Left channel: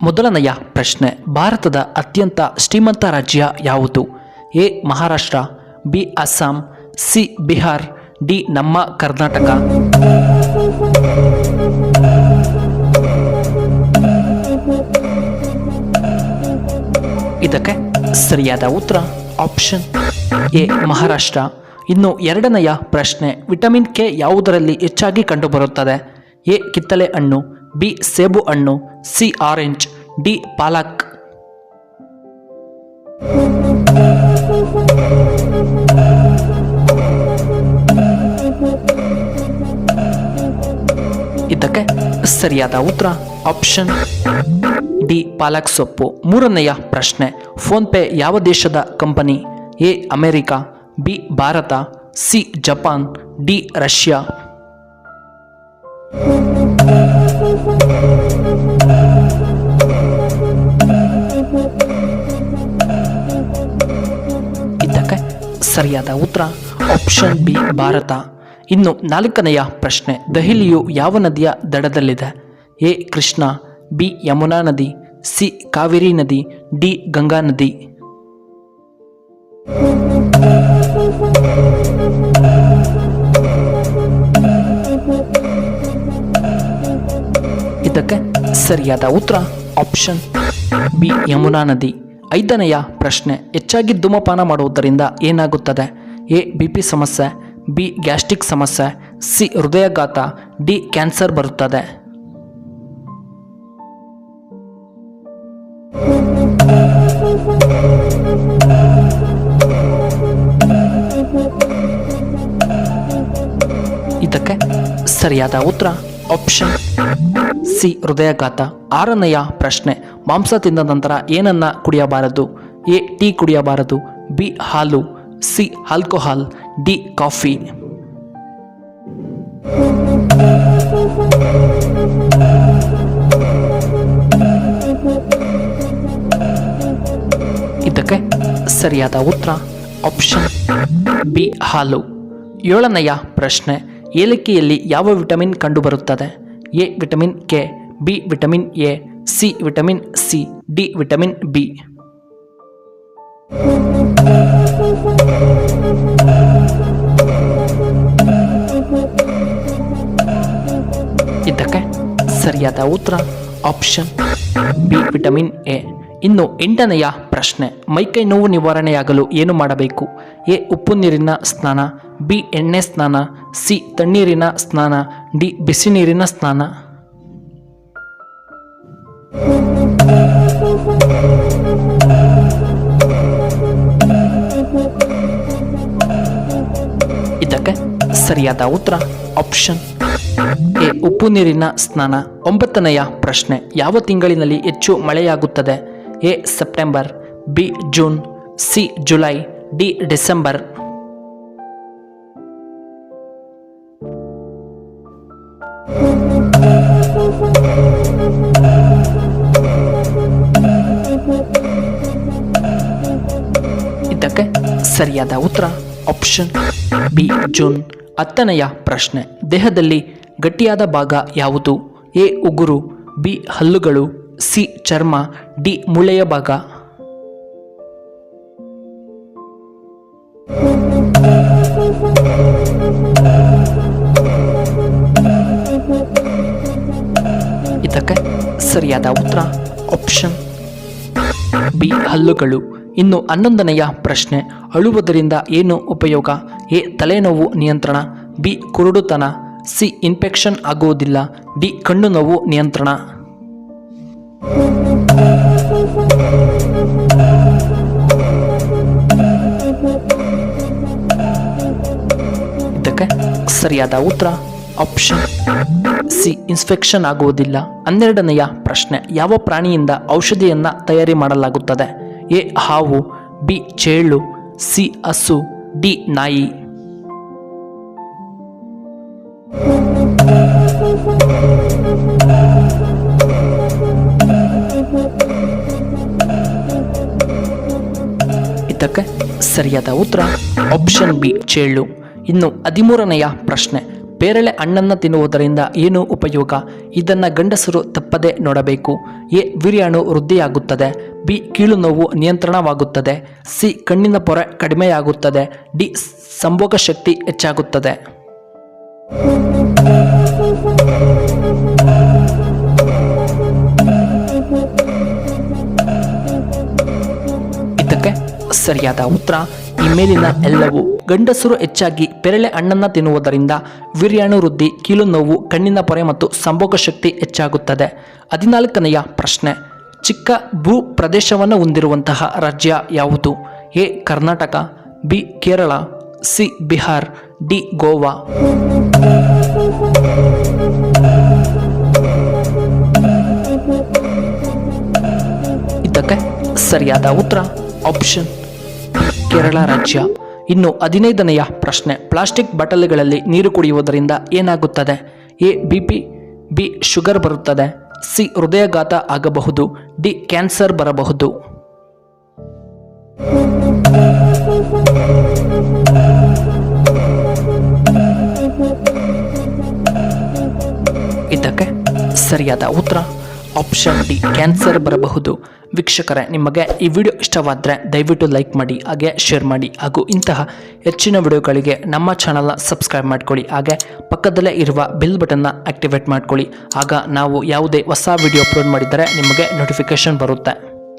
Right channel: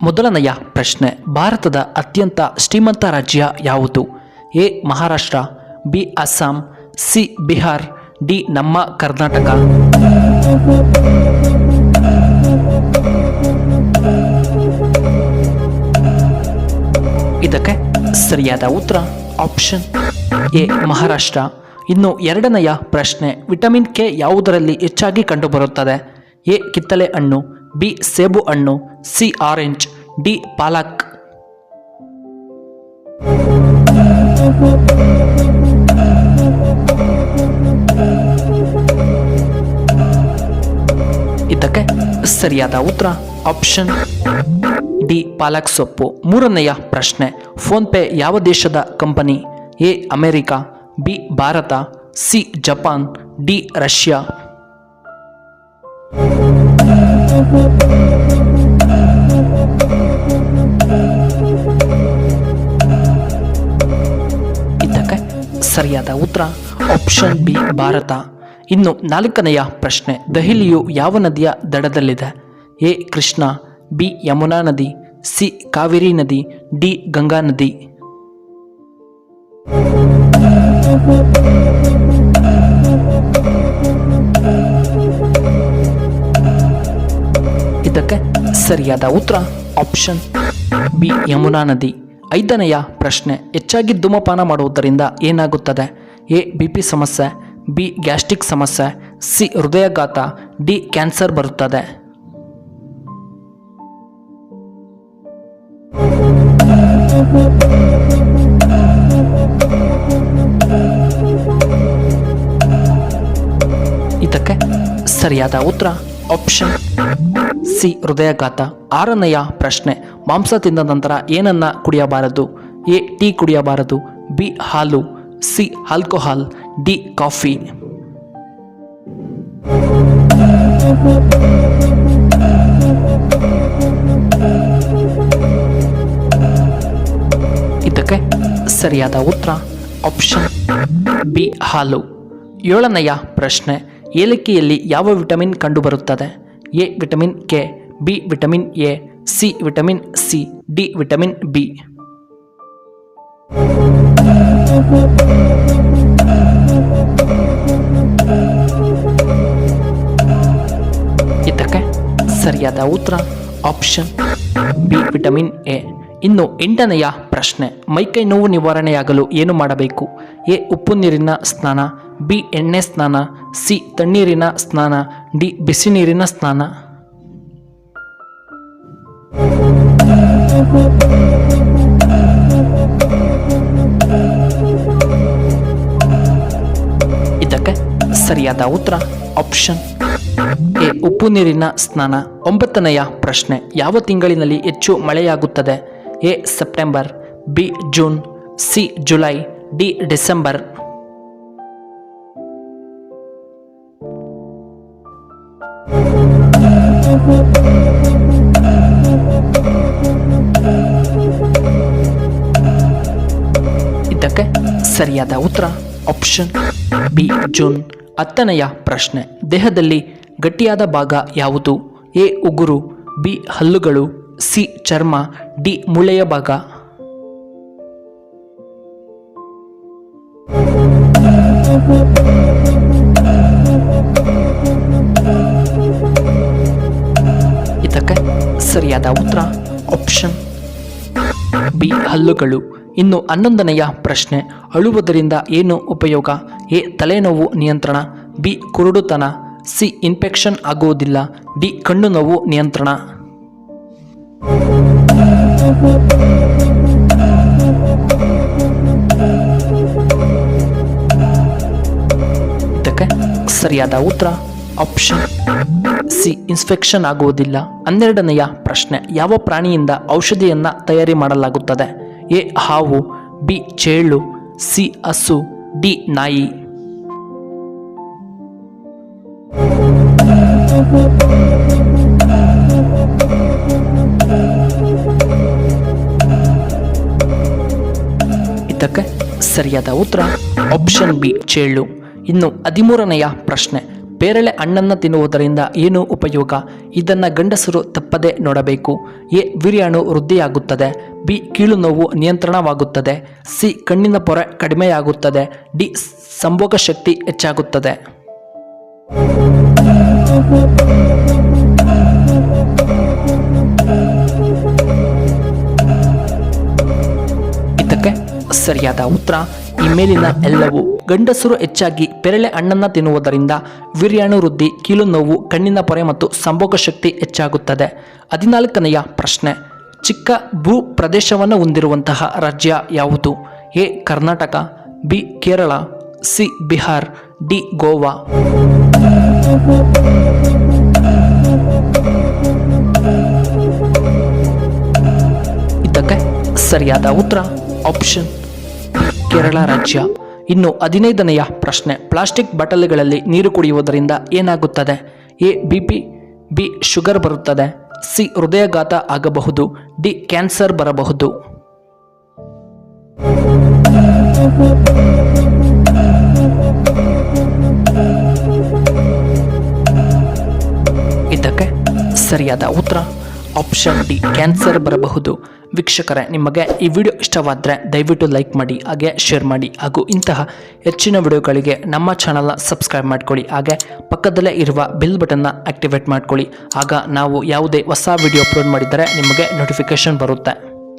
ಮೊದಲನೆಯ ಪ್ರಶ್ನೆ, ಭಾರತದ ಅತ್ಯಂತ ಶ್ರೀಮಂತ ರಾಜ್ಯ ಯಾವುದು? A Maharashtra, B Assam, C Bihar, D ನಮ್ಮ ಕರ್ನಾಟಕ. ಇದಕ್ಕೆ ಸರಿಯಾದ ಉತ್ತರ ಆಪ್ಷನ್ ಎ ಮಹಾರಾಷ್ಟ್ರ. ಇನ್ನು ಎರಡನೆಯ ಪ್ರಶ್ನೆ, ವಿಟಮಿನ್ ಕೆ ಯಾವುದರಲ್ಲಿ ಹೆಚ್ಚಾಗಿ ಕಂಡುಬರುತ್ತದೆ? ಎ ಕಿತ್ತಳೆ ಹಣ್ಣು, ಬಿ ಸೇಬು ಹಣ್ಣು, ಸಿ ಆರೆಂಜ್, ಡಿ ಪಾಲಕ್. ಇದಕ್ಕೆ ಸರಿಯಾದ ಉತ್ತರ ಆಪ್ಷನ್ ಡಿ ಪಾಲಕ್ ಸೊಪ್ಪು. ಮೂರನೆಯ ಪ್ರಶ್ನೆ, ಫೋನ್ ಪೇ ಯಾವ ದೇಶದ company? A America, B Bharat, C Japan, D Russia. ಇದಕ್ಕೆ ಸರಿಯಾದ ಉತ್ತರ ಆಪ್ಷನ್ ಬಿ ಭಾರತ. ಇನ್ನು ನಾಲ್ಕನೆಯ ಪ್ರಶ್ನೆ, ದೆಹಲಿಯು ಯಾವ ನದಿಯ ದಡದಲ್ಲಿದೆ? ಎ ಕೃಷ್ಣ, ಬಿ ಯಮುನಾ ನದಿ, ಸಿ ಕಾವೇರಿ ನದಿ, ಡಿ ಗಂಗಾ ನದಿ. ಇದಕ್ಕೆ ಸರಿಯಾದ ಉತ್ತರ ಆಪ್ಷನ್ ಬಿ ಯಮುನಾ ನದಿ. ಐದನೆಯ ಪ್ರಶ್ನೆ, ಹೆಚ್ಚಾಗಿ ಧೂಮಪಾನ ಮಾಡುವುದರಿಂದ ಏನಾಗುತ್ತದೆ? ಎ ಬಿಪಿ ಸಮಸ್ಯೆ, ಬಿ ಗ್ಯಾಸ್ಟ್ರಿಕ್ ಸಮಸ್ಯೆ, ಸಿ ಹೃದಯಾಘಾತ, ಡಿ ಕ್ಯಾನ್ಸರ್ ಬರುತ್ತದೆ. ಇದಕ್ಕೆ ಸರಿಯಾದ ಉತ್ತರ ಆಪ್ಷನ್ ಸಿ ಹೃದಯಾಘಾತ. ಆರನೆಯ ಪ್ರಶ್ನೆ, ಮಾಂಸ ತಿಂದ ನಂತರ ಏನನ್ನ ಕುಡಿಯಬಾರದು? ಎ ಟೀ ಕುಡಿಯಬಾರದು, ಬಿ ಹಾಲು, ಸಿ ಆಲ್ಕೋಹಾಲ್, ಡಿ ಕಾಫಿ. ಇದಕ್ಕೆ ಸರಿಯಾದ ಉತ್ತರ ಆಪ್ಷನ್ ಬಿ ಹಾಲು. ಏಳನೆಯ ಪ್ರಶ್ನೆ, ಏಲಕ್ಕಿಯಲ್ಲಿ ಯಾವ ವಿಟಮಿನ್ ಕಂಡುಬರುತ್ತದೆ? A vitamin K, B vitamin A, C vitamin C, D vitamin B. ಇದಕ್ಕೆ ಸರಿಯಾದ ಉತ್ತರ ಆಪ್ಷನ್ ಬಿ ವಿಟಮಿನ್ ಎ. ಇನ್ನು ಎಂಟನೆಯ ಪ್ರಶ್ನೆ, ಮೈಕೈ ನೋವು ನಿವಾರಣೆಯಾಗಲು ಏನು ಮಾಡಬೇಕು? ಎ ಉಪ್ಪು ನೀರಿನ ಸ್ನಾನ, ಬಿ ಎಣ್ಣೆ ಸ್ನಾನ, ಸಿ ತಣ್ಣೀರಿನ ಸ್ನಾನ, ಡಿ ಬಿಸಿ ನೀರಿನ ಸ್ನಾನ. ಇದಕ್ಕೆ ಸರಿಯಾದ ಉತ್ತರ ಆಪ್ಷನ್ ಎ ಉಪ್ಪು ನೀರಿನ ಸ್ನಾನ. ಒಂಬತ್ತನೆಯ ಪ್ರಶ್ನೆ, ಯಾವ ತಿಂಗಳಿನಲ್ಲಿ ಹೆಚ್ಚು ಮಳೆಯಾಗುತ್ತದೆ? A September, B June, C July, D December. ಇದಕ್ಕೆ ಸರಿಯಾದ ಉತ್ತರ ಆಪ್ಷನ್ ಬಿ ಜೂನ್. ಹತ್ತನೆಯ ಪ್ರಶ್ನೆ, ದೇಹದಲ್ಲಿ ಗಟ್ಟಿಯಾದ ಭಾಗ ಯಾವುದು? ಎ ಉಗುರು, ಬಿ ಹಲ್ಲುಗಳು, ಸಿ ಚರ್ಮ, ಡಿ ಮೂಳೆಯ ಭಾಗ. ಇದಕ್ಕೆ ಸರಿಯಾದ ಉತ್ತರ ಆಪ್ಷನ್ ಬಿ ಹಲ್ಲುಗಳು. ಇನ್ನು 11ನೆಯ ಪ್ರಶ್ನೆ, ಅಳುವುದರಿಂದ ಏನು ಉಪಯೋಗ? ಎ ತಲೆನೋವು ನಿಯಂತ್ರಣ, ಬಿ ಕುರುಡುತನ, ಸಿ ಇನ್ಫೆಕ್ಷನ್ ಆಗುವುದಿಲ್ಲ, ಡಿ ಕಣ್ಣು ನೋವು ನಿಯಂತ್ರಣ. ಇದಕ್ಕೆ ಸರಿಯಾದ ಉತ್ತರ ಆಪ್ಷನ್ ಸಿ ಇನ್ಫೆಕ್ಷನ್ ಆಗುವುದಿಲ್ಲ. 12ನೆಯ ಪ್ರಶ್ನೆ, ಯಾವ ಪ್ರಾಣಿಯಿಂದ ಔಷಧಿಯನ್ನ ತಯಾರಿ ಮಾಡಲಾಗುತ್ತದೆ? ಎ ಹಾವು, ಬಿ ಚೇಳು, ಸಿ ಹಸು, ಡಿ ನಾಯಿ. ಇದಕ್ಕೆ ಸರಿಯಾದ ಉತ್ತರ ಆಪ್ಷನ್ ಬಿ ಚೇಳು. ಇನ್ನು 13ನೆಯ ಪ್ರಶ್ನೆ, ಪೇರಳೆ ಹಣ್ಣನ್ನು ತಿನ್ನುವುದರಿಂದ ಏನು ಉಪಯೋಗ? ಇದನ್ನು ಗಂಡಸರು ತಪ್ಪದೆ ನೋಡಬೇಕು. ಎ. ವೀರ್ಯಾಣು ವೃದ್ಧಿಯಾಗುತ್ತದೆ. ಬಿ. ಕೀಲು ನೋವು ನಿಯಂತ್ರಣವಾಗುತ್ತದೆ. ಸಿ. ಕಣ್ಣಿನ ಪೊರೆ ಕಡಿಮೆಯಾಗುತ್ತದೆ. ಡಿ. ಸಂಭೋಗ ಶಕ್ತಿ ಹೆಚ್ಚಾಗುತ್ತದೆ. ಇದಕ್ಕೆ ಸರಿಯಾದ ಉತ್ತರ ಈ ಮೇಲಿನ ಎಲ್ಲವೂ. ಗಂಡಸರು ಹೆಚ್ಚಾಗಿ ಪೇರಳೆ ಹಣ್ಣನ್ನು ತಿನ್ನುವುದರಿಂದ ವೀರ್ಯಾಣು ವೃದ್ಧಿ, ಕೀಲು ನೋವು, ಕಣ್ಣಿನ ಪೊರೆ ಮತ್ತು ಸಂಭೋಗ ಶಕ್ತಿ ಹೆಚ್ಚಾಗುತ್ತದೆ. 14ನೆಯ ಪ್ರಶ್ನೆ. ಚಿಕ್ಕ ಭೂ ಪ್ರದೇಶವನ್ನು ಹೊಂದಿರುವಂತಹ ರಾಜ್ಯ ಯಾವುದು? A. Karnataka, B. Kerala, C. Bihar, D. Goa. ಇದಕ್ಕೆ ಸರಿಯಾದ ಉತ್ತರ ಆಪ್ಷನ್ ಕೇರಳ ರಾಜ್ಯ. ಇನ್ನು 15ನೆಯ ಪ್ರಶ್ನೆ. ಪ್ಲಾಸ್ಟಿಕ್ ಬಾಟಲಿಗಳಲ್ಲಿ ನೀರು ಕುಡಿಯುವುದರಿಂದ ಏನಾಗುತ್ತದೆ? ಎ. BP, B. ಶುಗರ್ ಬರುತ್ತದೆ, ಸಿ. ಹೃದಯಾಘಾತ ಆಗಬಹುದು, ಡಿ. ಕ್ಯಾನ್ಸರ್ ಬರಬಹುದು. ಇದಕ್ಕೆ ಸರಿಯಾದ ಉತ್ತರ ಆಪ್ಷನ್ ಡಿ, ಕ್ಯಾನ್ಸರ್ ಬರಬಹುದು. ವೀಕ್ಷಕರೇ, ನಿಮಗೆ ಈ ವಿಡಿಯೋ ಇಷ್ಟವಾದರೆ ದಯವಿಟ್ಟು ಲೈಕ್ ಮಾಡಿ, ಹಾಗೆ ಶೇರ್ ಮಾಡಿ, ಹಾಗೂ ಇಂತಹ ಹೆಚ್ಚಿನ ವಿಡಿಯೋಗಳಿಗೆ ನಮ್ಮ ಚಾನಲ್ನ ಸಬ್ಸ್ಕ್ರೈಬ್ ಮಾಡ್ಕೊಳ್ಳಿ. ಹಾಗೆ ಪಕ್ಕದಲ್ಲೇ ಇರುವ ಬೆಲ್ ಬಟನ್ನ ಆಕ್ಟಿವೇಟ್ ಮಾಡ್ಕೊಳ್ಳಿ. ಆಗ ನಾವು ಯಾವುದೇ ಹೊಸ ವಿಡಿಯೋ ಅಪ್ಲೋಡ್ ಮಾಡಿದರೆ ನಿಮಗೆ ನೋಟಿಫಿಕೇಶನ್ ಬರುತ್ತೆ.